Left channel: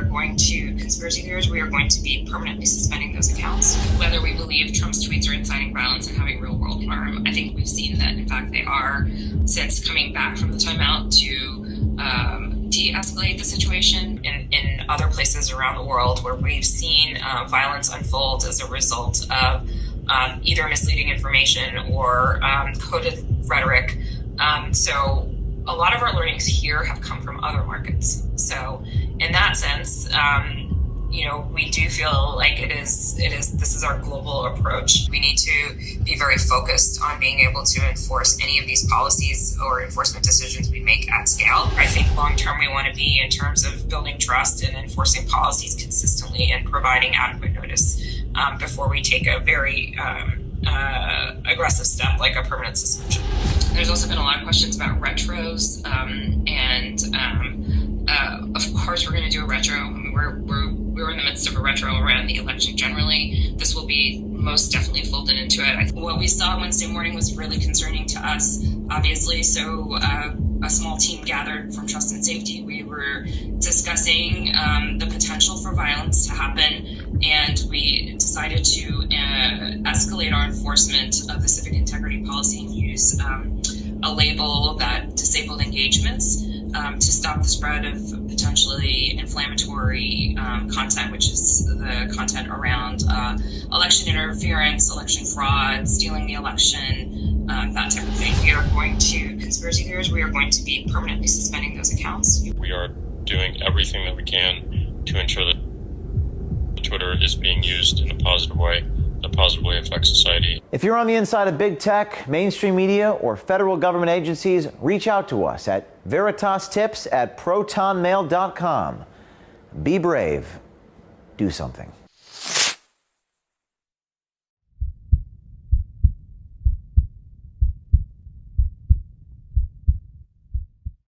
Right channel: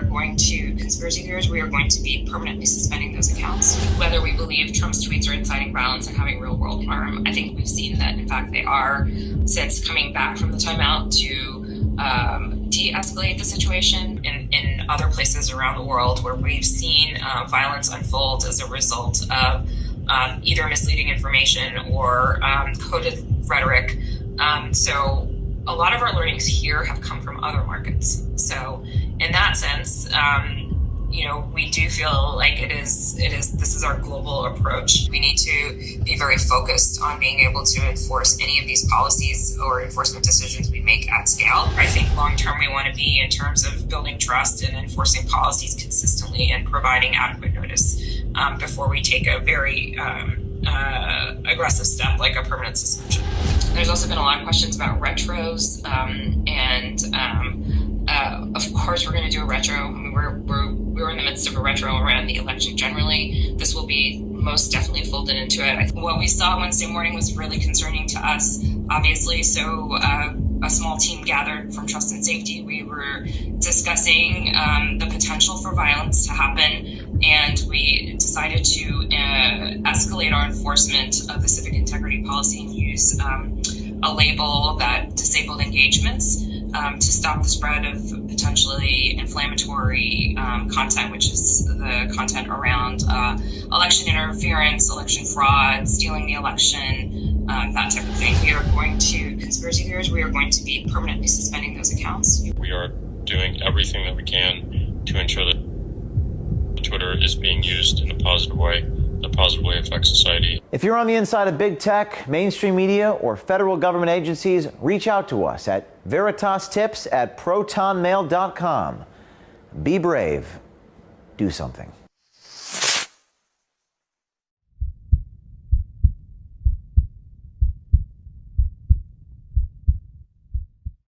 are going to, conspiracy theories, we are going to be permanently suspending those accounts. Whether we believe Trump's tweets are inciting violence and having real world harm, I think we've seen that, in fact, they are, since coming back from the timeout to de-escalate the situation in other places around the world where we've seen violence unfold as a result of either misleading information or coded rhetoric. So a lot of our learnings here have come from other markets. So in that sense, we do feel like this is our global approach. We need to be very focused on being able to enforce any of these policies or enforcement decisions we make at scale. I think long term we want to be in terms of building trust and enforcing policies consistently and providing adequate notice before we take a very aggressive step like a permanent suspension. There's also been a lot of questions about retros, of course we're going to do a retro. I mean, we're in the midst of a retro around the election generally. This will be most definitely folded into it. What we saw Wednesday morning was really concerning to us, obviously. So a small team gathered from Trust and Safety. We were discussing the potential for violence to happen, and we decided to escalate our enforcement of the civic integrity policy and use a label that disabled engagements to stop the spread of potentially inflammatory content, which is the content around election interference, election fraud, stealing the election, that type of thing. We are going to, conspiracy theories, we are going to be permanently suspending those accounts. We are doing everything that we can to ensure that Twitter is being used in a positive way affect society. If you're on the inside of big tech, mainstream media, or federal government agencies, reach out to us at veritastips@protonmail.com. Be brave. Do something.